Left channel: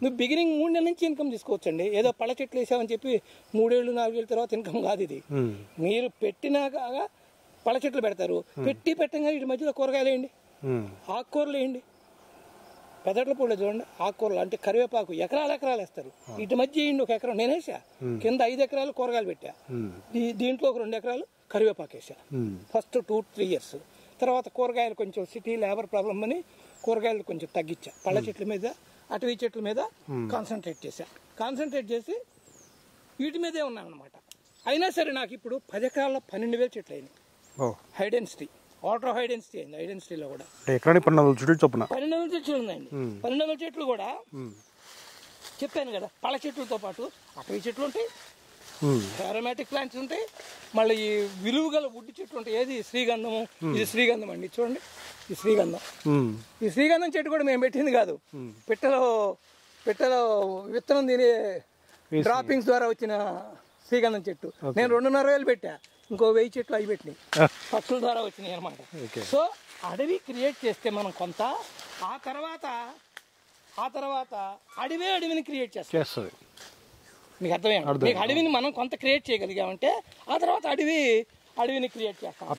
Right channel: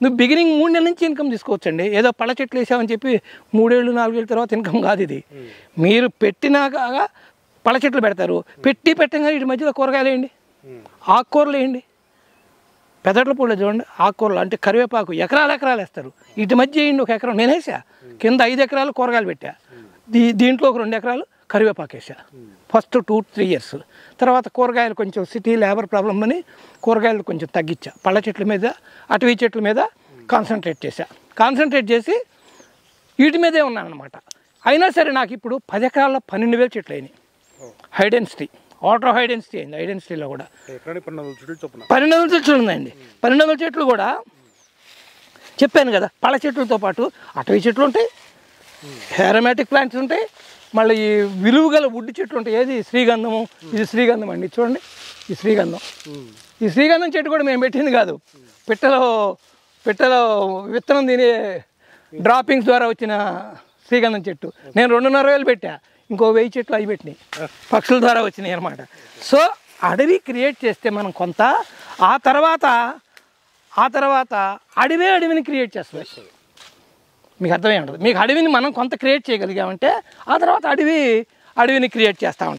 నువ్వు బిగినింగ్ 3 నెలల నుంచి ఇన్కమ్ తీసుకోవచ్చండి. ఏదో పళ్ళ చెట్లు వేసామని చెప్పి 3 ఏళ్ళు 4 ఏళ్ళ తర్వాత ఇన్కమ్ కాదు ఇది. మీరు పెట్టినాక పళ్ళ చెట్లు పెడతారు, పెట్టంగా వీటి మధ్యలో కూరగాయలు వేయండి, ఆకుకూరలు వేయండి. పెదట్ల పూలు చూడండి, ఆకుకూరలు అంటే కరివేపాకు ఎకరాలు వేస్తారు. వీటి మధ్య వేయండి, 1 ఎకరం నేను వేసా, కింద 5 ఎకరాలు కూరగాయలు పెట్టా, దీంట్లో ఒక 2 ఎకరాలు కరివేపాకు వేసా. First 2-3 years. తర్వాత కూరగాయలు కొంచెం సిటీ లేబర్ ప్రాబ్లం అని కూరగాయలు కొంచెం తగ్గించా, పళ్ళ చెట్ల మీద అటవీ చెట్ల మీద కాన్సన్ట్రేట్ చేసి వీటి మీదే ఉన్నాను అనమాట. అయినా సరే నాకు ఇప్పుడు 10 ఎకరాల్లో 12,000 చెట్లు అయినాయి. హైడెన్సిటీ, ఆల్ట్రా హైడెన్సిటీ అయింది. హైడెన్సిటీలో కూడా 12,000 చెట్లు ఉన్నాయండి. 12,000 చెట్లు కూడా చెప్పాను కదా, పళ్ళ చెట్లతో పాటు అటవీ చెట్లు ఉంటాయి, అరోమాటిక్ ప్లాంట్స్ ఉంటాయి, మళ్ళీ ఈ విలువ గల వుడ్ చెట్లు ఉంటాయి. ఏది శ్రీగంధము, ఇది శ్రీగంధం అండి, చూడండి ఈ శ్రీగంధం. ఈ శ్రీగంధం చెట్టు కూడా మేము పెట్టింది కాదు, పిట్టలో విత్తనం తినే డ్రాపింగ్స్ ద్వారా వచ్చిన శ్రీగంధం చెట్టు. నేను 2,500,000 పెట్టా, ఇంకో 1000 చెట్లు అవి పెట్టినాయి, పక్షుల ద్వారా వచ్చినాయి అనమాట. సో అడవి క్రియేట్ చేస్తే మనం కొంత, ఆ తర్వాత అడవిని క్రియేట్ చేస్తుంది. మీకు అర్థమేమంటారు? మీకు అడవిని మనం కొంత క్రియేట్ చేయగలిగామంటే ఆ తర్వాత అడవిని క్రియేట్ చేస్తూ ఉంటాం.